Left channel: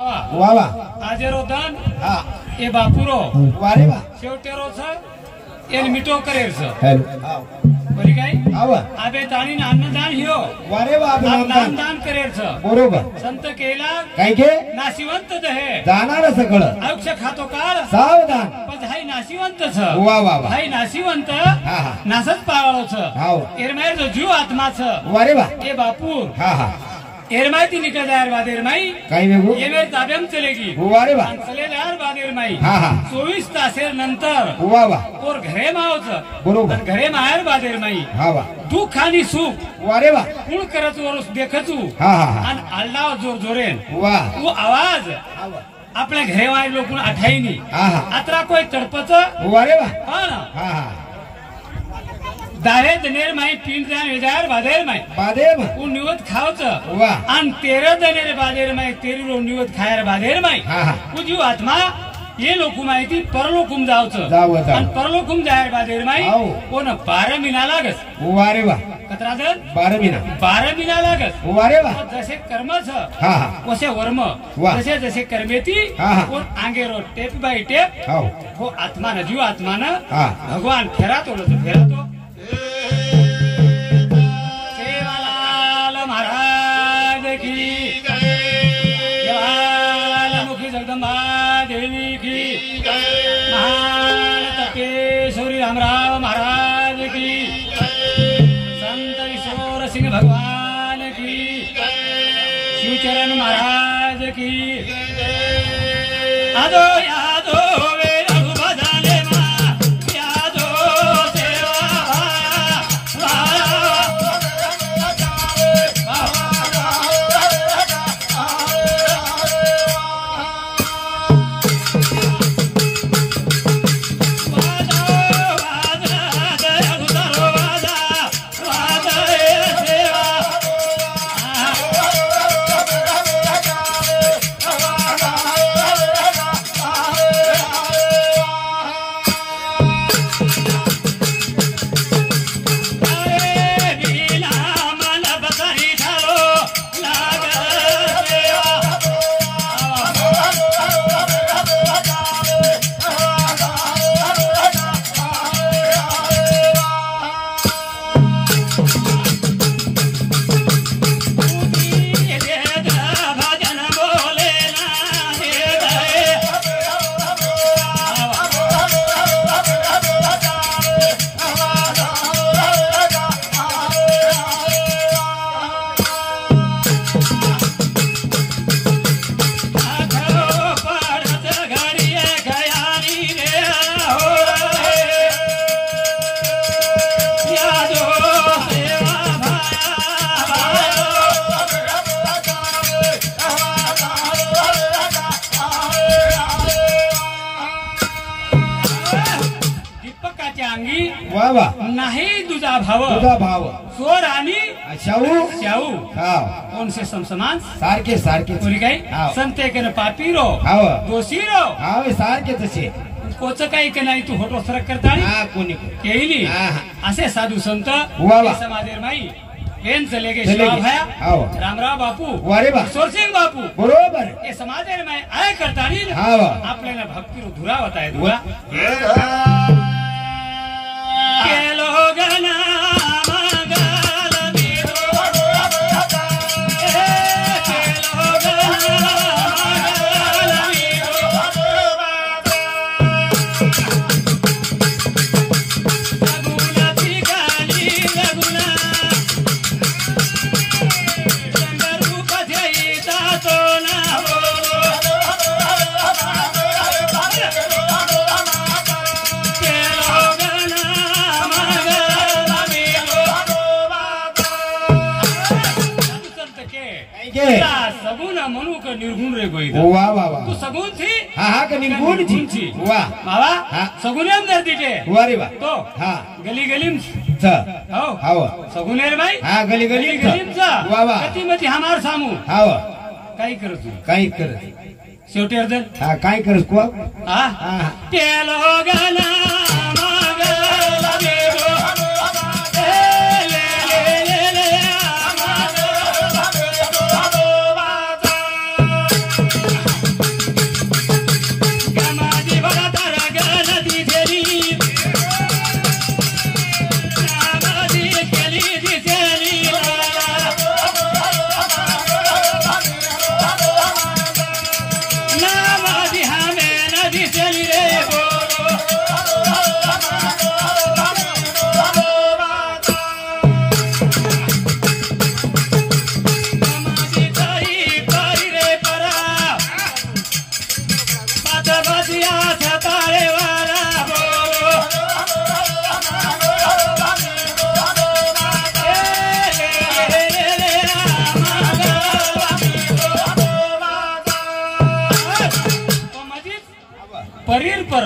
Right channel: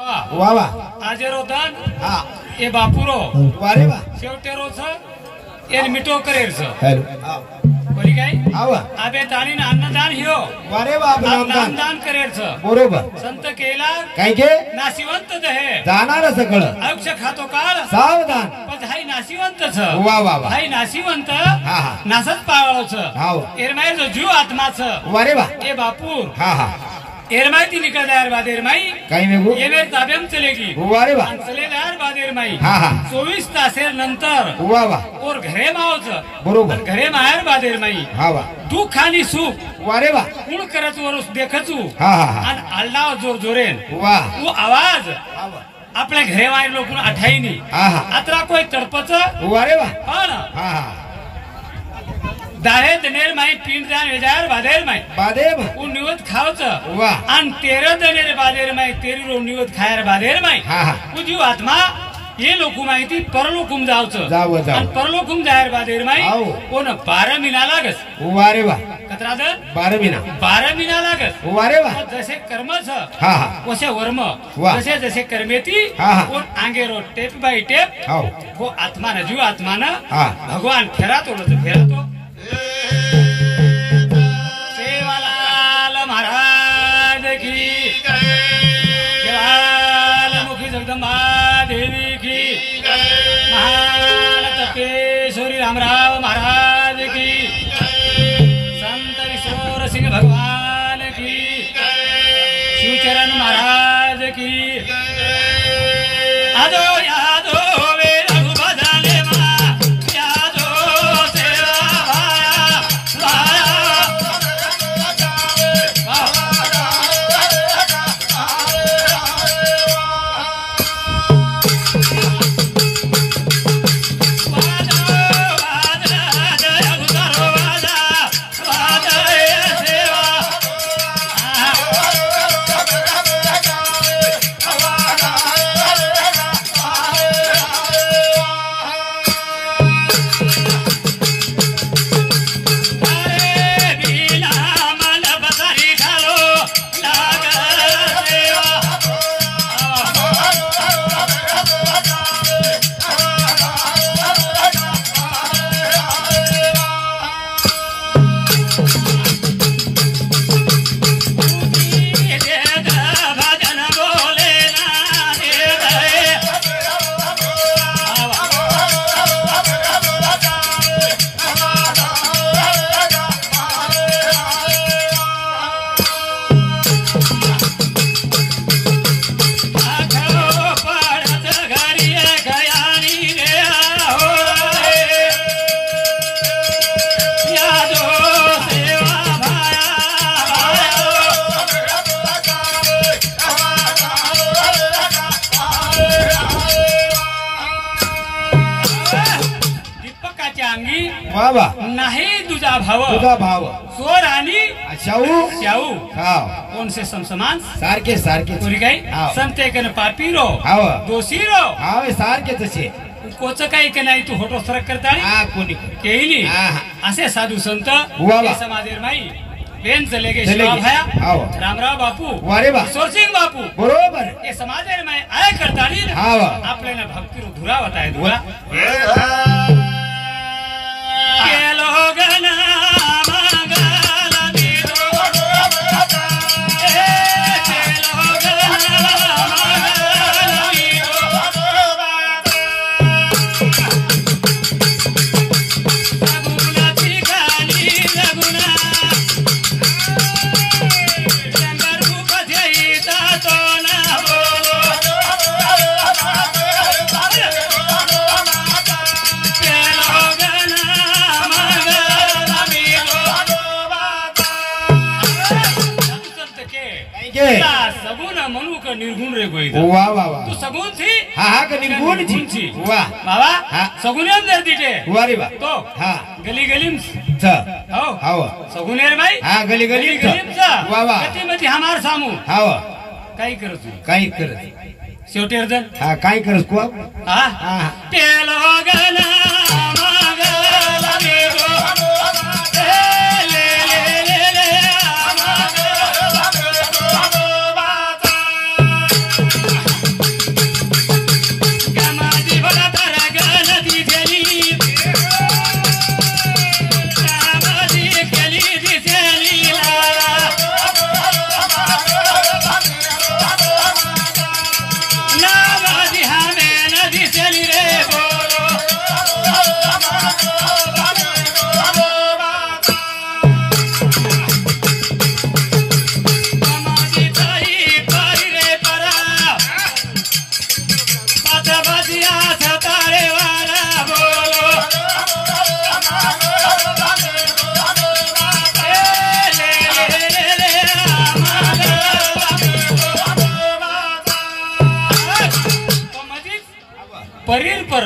वा वा आजेरो दान हा ए बापुरो वारे वा शेवटेरो छ एन मिटो करेर छ हेलो हा बरी काय आवा आबे दानीन अन्नदान हियो वारे वा अभिनंदन दान करेर छ बरोबर संत केला काय के नाशिवंत दहे जाणार सगळं आयुष खातो काळ सावधान पण हाय नाशिवंत छ वा वा वा हाय नाशिवंत हा हा नासच पावळो छ हाव एरमाय जो जीव आत्मा छ वारे वा ए बापू हा हा एरमाय ती निकल जायर बाद एरमाई काय वेगो ये मेरे ताब्याम चलेगी वारे वा चले जायर बाद एरमाई हा हा 24 तासेर नंतर वा वा और घरे मावच बरोबर घरे माहेर बाद एरमाई हा वा दुःख आणि सुख वारे वा कुण करत वरस देखचू हा हा हा आणि आल्लाव जोर जोरेन वा वो आवाज आवा आपल्या घरे वायर लोकून आठाईनी हा हा अतरा कोई तडपच वारे वा पण हा हा दाहे दनेर माई पिंड जान वेजार बादेर माई बादेव वो निवत खावच वा आणि 13 दनेर बादेर माई 13 रो निवत खायर बादेर माई हा हा वो जीव आत्मा ये लोकू माहिती परलोकूम जावच जाऊ आणि जाऊ परलोकूम जायर बादेर माई आव. कोण 12 महिना लागस वारे वा कतरा दर 12 महिना 12 महिना लागस वारे वा जसे कर्म छ हा हा वसे वर्म वा. जसे जसे कर्मेती हा, हा. और आगे रो टेप बाय टेप हाव वो आत्मा न जीव आत्मा न हा भगवान फेरा तो सेवालाल महाराज की सेवालाल मुखी जगदम्बा देवी की महान तपेश्वरी रामराव महाराज की संत किशोर सिंह भगवान की शिवचरण महाराज की आदो यादो वे रघुबदाले मा यादो सेवा भाया वा वा नाही तुझा भाव तुझा भाव स्वर आणि शाहू शाहू हाव कोणसे समसमान सारखे सारखे कोणी काय हाव. संते कन पापीरो हाव दोषीरो हाव सारखे तसे कोच काही की नाही तू होटो फरक करता हा कोणी केली हा, हा. असे साधू संत वा. हे समाधीर माई बेन चले गे चले शिवा गे. भाया हाव. रामराव बापू वारे वा. किशोर सिंग बापू बरोबर हे समाधीर माई आय करता हाव. आपल्याला भक्ती धुरा होता है धुरा केलो गना सगुन मनु का निर्गुण रे कोई वा वा वा तू सगुन थी हा हा का निर्गुण थी वा बाबा हा. सगुनियम दे दीटे वारे वा तो हा गली गलीम च हो हाव सगुनेर भाई हा गली गली गलीमचा वा वा गती मती हमार सामू हाव काही करत तू काय करत शेवटी अर्धन हा काय करत को हा हा पेलो गना परीर पर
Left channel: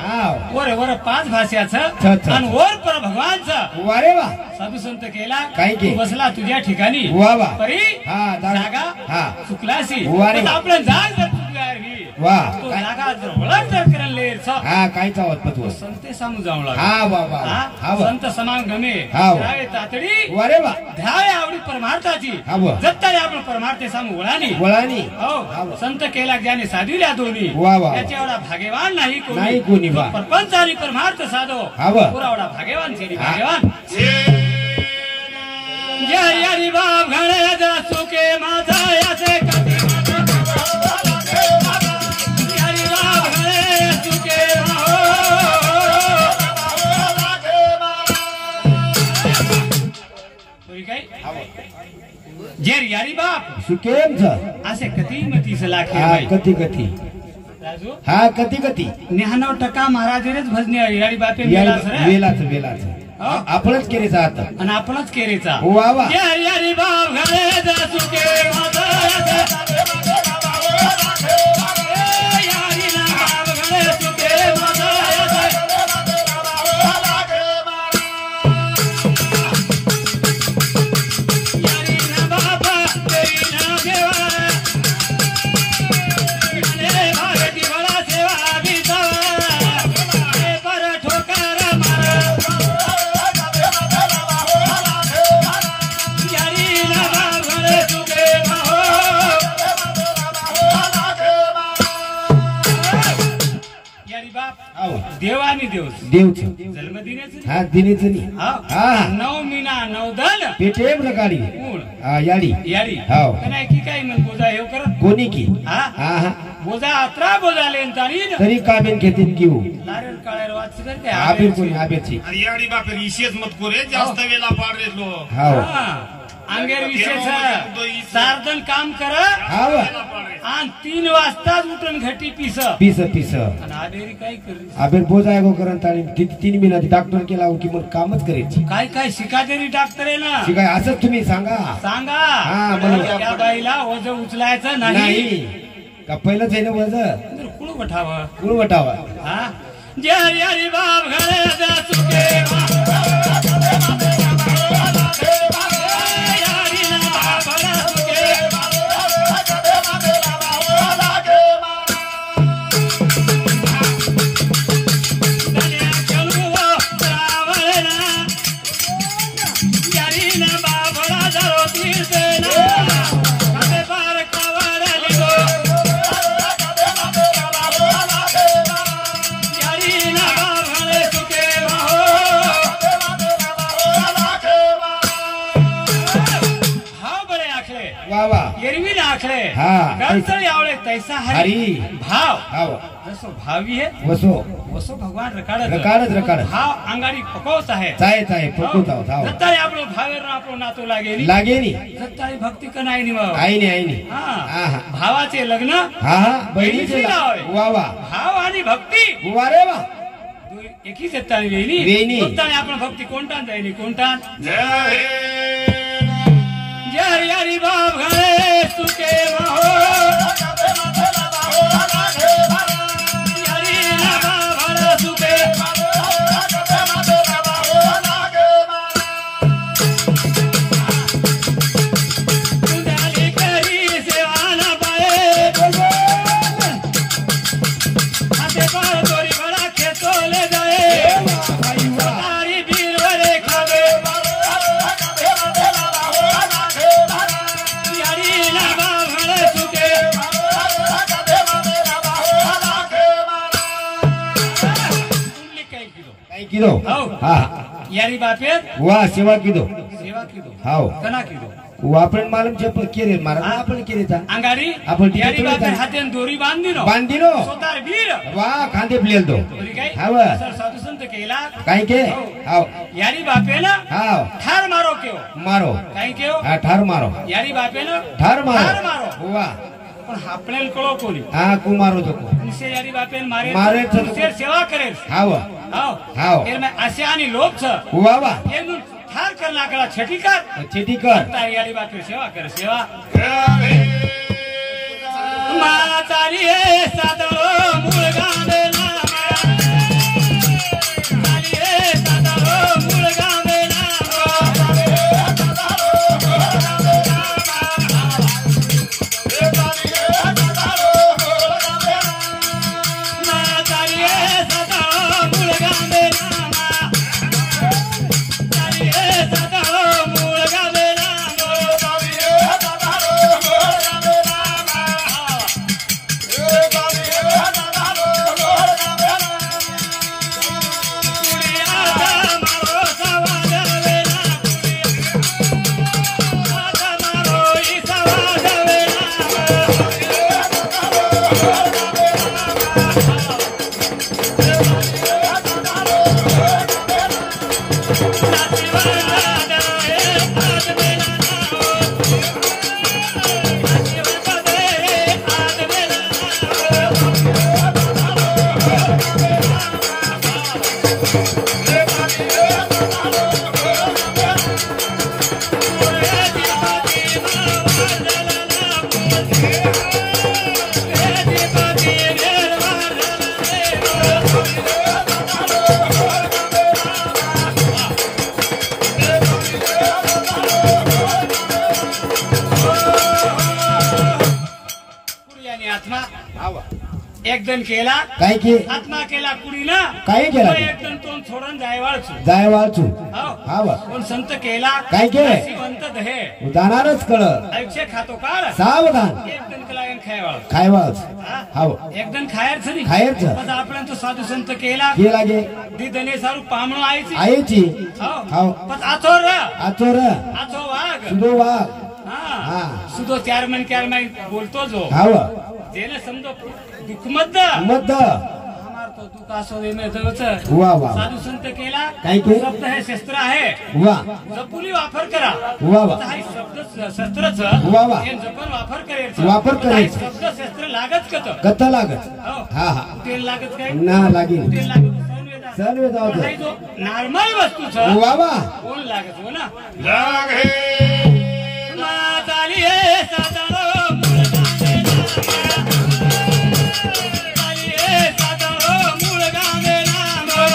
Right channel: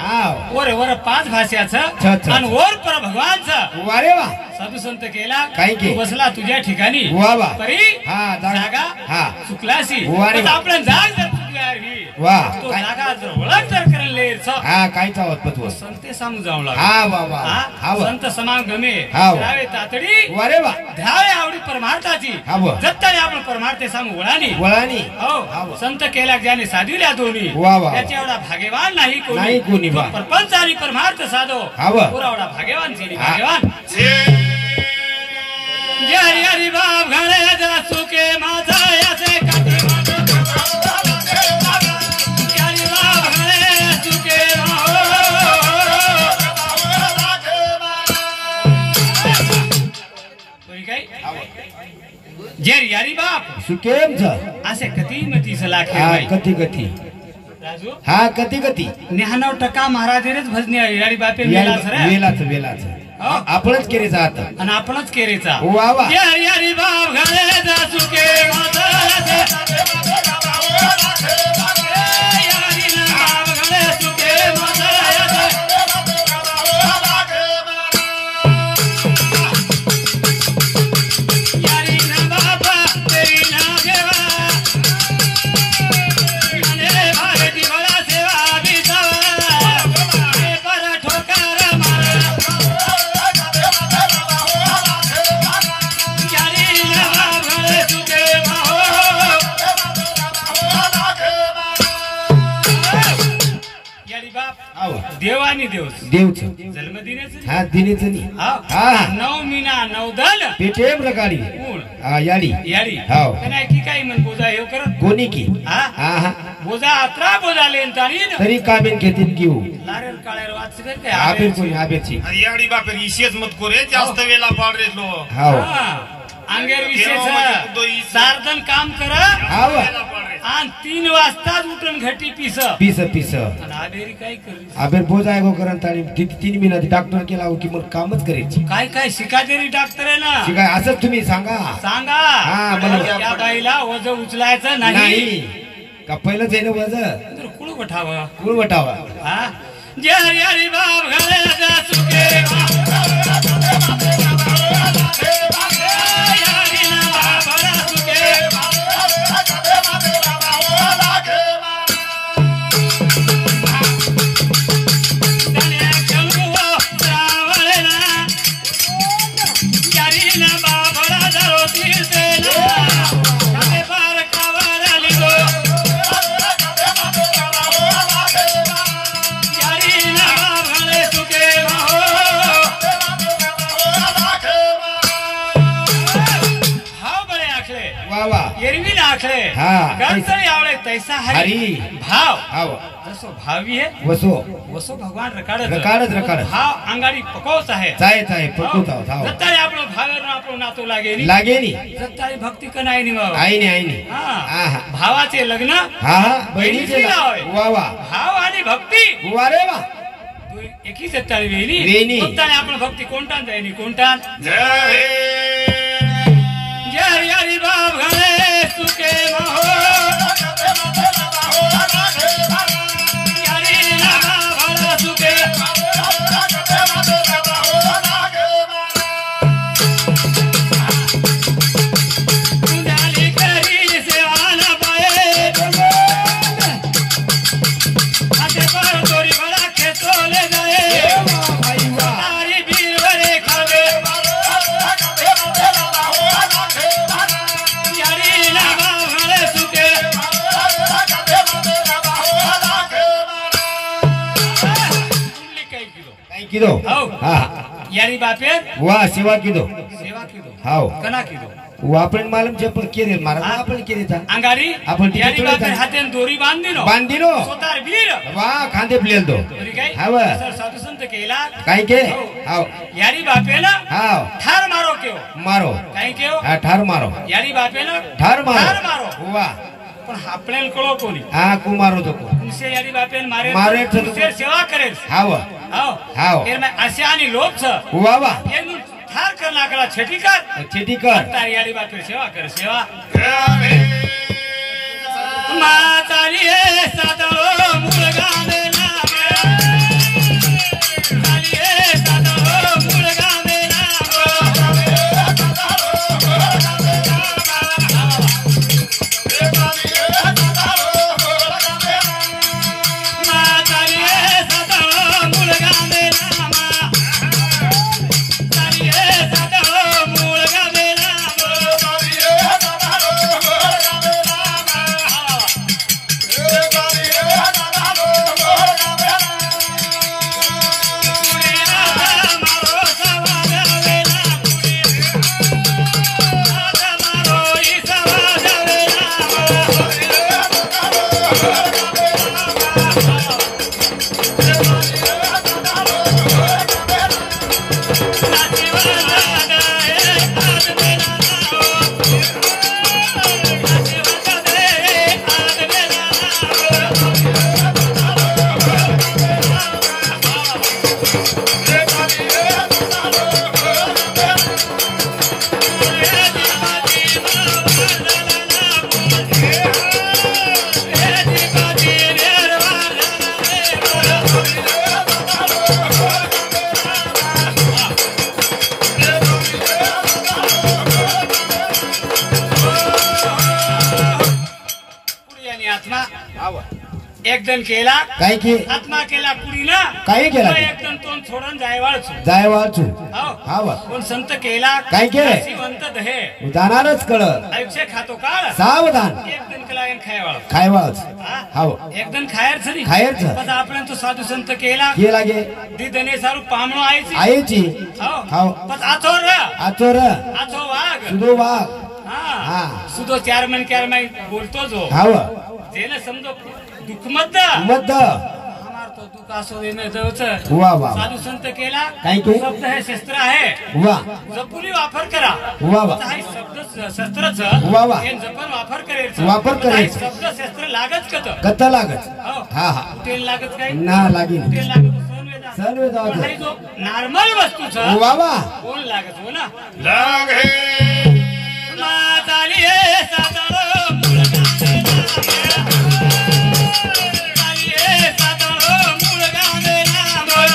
हाव वर वर 5 भाषाचं अच्छा. आणि वर पर भगवानचं वा रे वा साधू संत केला काय के? तू बसला तुझ्या ठिकाणी वा वा परी हा जागा हा चुकलाशी वा रे पण वा. आपलं जाग जर चुकली वा तो काय जागा जर ओळख जर करेल हा काय चावत पतव संते सांगून जाऊ लागला हा वा वा हा वा संत समान गमे हाव. रावे तातडी वा रे वा ध्यावे आवडी परमार्थाची हाव. जत्तारी आपण परमार्थे सांगू वळानी वळानी हो हाव. संत केला ज्याने साधविल्या दोन्ही वा वा. त्याच्या एवढा भाग्यवान नाही नाही कोणी तो बा. परपंच आणि परमार्थ साधो हाव. पुरा एवढा भाग्यवान शेरी हा. भाग्यवान जे हरी हरी बाप घणे जा सुके माझा याचे काठी हरी बाप घणे सुके जे यारी बाप सुकेम छ असे कधी मतीच लाखे हा बाई. कधी कधी राजू हा कधी कधी 99% महाराजांनीच भजनी आहे यारी बापे मेला सर वेलाच वेलाच हो. आपणच केले जात आणि आपणच केरीचा वा वा जे हरी हरी बाप घरे जा सुके माझा यारी ना बाप घरे सुके माझा यारी ना बापा तेरी ना देवा मने भागे दिवरा सेवा दिसावा पर ठोकर मार यारी ना बाप घरे सुके माहो यारी बाप हाव. देव आणि देवच देवच जन्मदिनाच हा दिनेच नाही हा. 9 मीना 9 दल पेटे प्रकारी मूळ हा याडी यारी हाव. नाही की काही म्हण बोजा हे करत कोणी की हा हा हा बोजा अत्रा बोजा लेन ताणी तरी कामेन घेतील घेऊ लारेल काळेर वाच करते आबेर कोणी आबेरची याडी बापेर इशेच मत कोरे जास्त वेळा पाडरे लो हाव अंगेर विशेष सार्धन काम कर हाव आणि 3 वाजता उठून घटी पिस पीस पीस आणि आबेरी काय करी आबेर बोजा गो करत आणि 3 महिन्यात डॉक्टर केला की मग कामच करायची काय काय शिकादेरी डॉक्टर आहे ना शिकाय असंच तुम्ही सांगा सांगा हा, बरोबर. त्या बाईला वज उचलायचं नाही नाही का पहिलंच आहे ना वज तर कुळ बठावा गुळ वटावा हा जे हरी हरी बाप घरे जा सुके यारी ना बाप घरे सुके तने चलुवा सावळे ना यारी ना बाप घरा धरो तीरते ना कबे पार कवर लिगो यारी ना बाप घरे सुके माहो भाव बळे आखले वा वा एरवी आखले हा. गंतर यावळे तैसा हरी हरी. भाव हाव जसो भावी आहे वसो वसो भगवान रकाडत रकाडत भाव अंगाडी पकवत आहे चाय पटूत आहोत हाव जत्तारी आपलं भावेर आपलं नातो लागे नी लागे नी जत्तारी भक्ती का नाही नी मग आईने हा हा हा भावाचे लग्न हा हा बहिणीचे बहिणीचे नाव आहे. वा वा भाव आणि भक्ती वा रे वा एकी जत्तारी वेणी वेणी. जत्तारी आपण भक्ती कोणता जाईनी कोणता जय जय हरी बाप घरे सुके माहो यारी ना बाप घरे सुके उन्हाळी करी सेवा ना पाये हाते पार दोरी भरा खेतोले जाये सारी बीर वरे खावे यारी ना बाप घरे सुके कुठली काही किलो काय किदो हाव. हा यारी बापेर वा सेवा किदो सेवा किलो हाव कना किलो वापण मालम चप केरे मारा आपण केरे था अंगारी आपण तिथे यारी थोडे बापेर था. हातेन दोरी बांधिनो बांधिनो स्वतः वीर वा खांदे प्लेल दो बरी काय हाव असं साधू संत केला काय के हाव यारी बापेन हाव ठार मारो केव मारो काय केव हा ठार मारो यारी बापेन ठार ठार मारो मारो वा पण आपल्याला कळो कोणी हा कुमारो तो तुमचे यारी बापेन मारे मारे तर- तुमचे सेवा करेल हाव हाव हाव. एरमे असे आणि लोभ छ वा वा येऊन ठार कर लागला छेटी कर छेटी कर तारी यारी बापेर सेवा कर सेवा जय मातारी सादळो मुलगा आत्मा हाव एकदम केला काय की आत्मा केला कुडीला काय केला ते? एकदम तोंड सोडून जायवाळचो जाय वाचू हो हाव कोण संत केला काय केलं? श्रीमंत दहे जाणारच कळ आयुष्य खातो काळ सावधान एकदम केला खायवाळ काय वाच हाव एकदम खायरच नाही खायरचं. तसं आपण तो साधू संत केला हे लागे दिदने सारू पामणो आयची आईची हो हाव पण आचोर आचोर आचो वाघ सुदो वाघ हा हा सुदो 4 महिने बोलतो जो हाव त्याने समजो दुःख मत मत हमार तो दुःख असो देणे जवच वा वा साधू संत केला काय की? शब्द हे शस्त्र आहे वा जपुनी वापर करा वा वा काही शब्द शस्त्रच वा वा. जपन वापर करायचं वापर करायचं. काही शब्द शस्त्र लागत कत कथा लागत हो हा हा तेल लागत काय ना लागेल तेल लागत सणवेदा. सणवेदा होतं. पण हे जो नॉर्मल वस्तूच वा वा कोण लागत हो ना लागे माताली हे सातारो मुलगा माताली हे सातारो मुलगा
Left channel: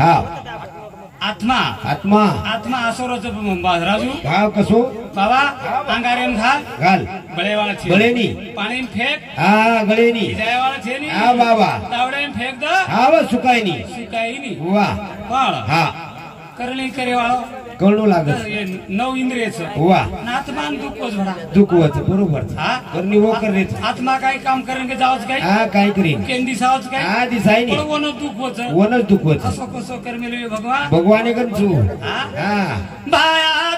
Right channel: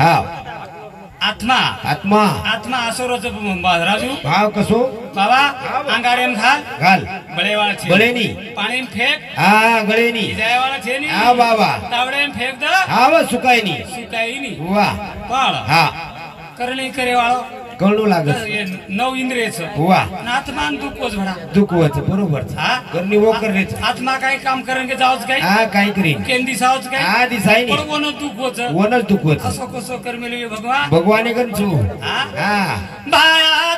हा आत्मा आत्मा आत्मा असो रोज राजू भाव कसो बाबा अंगारेन घाल घाल बळेवाळा छे बळेनी. पाणीन फेक हा गळेनी जायवाळा छे नी हा बाबा तावडेन फेक द हा व सुकायनी शिकाई नी वा पण हा करली करेवाळो कळू लागत नऊ इंद्रियच वा आत्मान दुखोच भरा दुखवच बरोबर हा करणी वो करण्याच आत्मा काय काम करेन के जावच काय हा काय करीन केंदी सावच काय हा दिसायनी पण कोण दुखोच वनच दुखवच असो कसो करमेली भगवान भगवाने करू हा हा भाया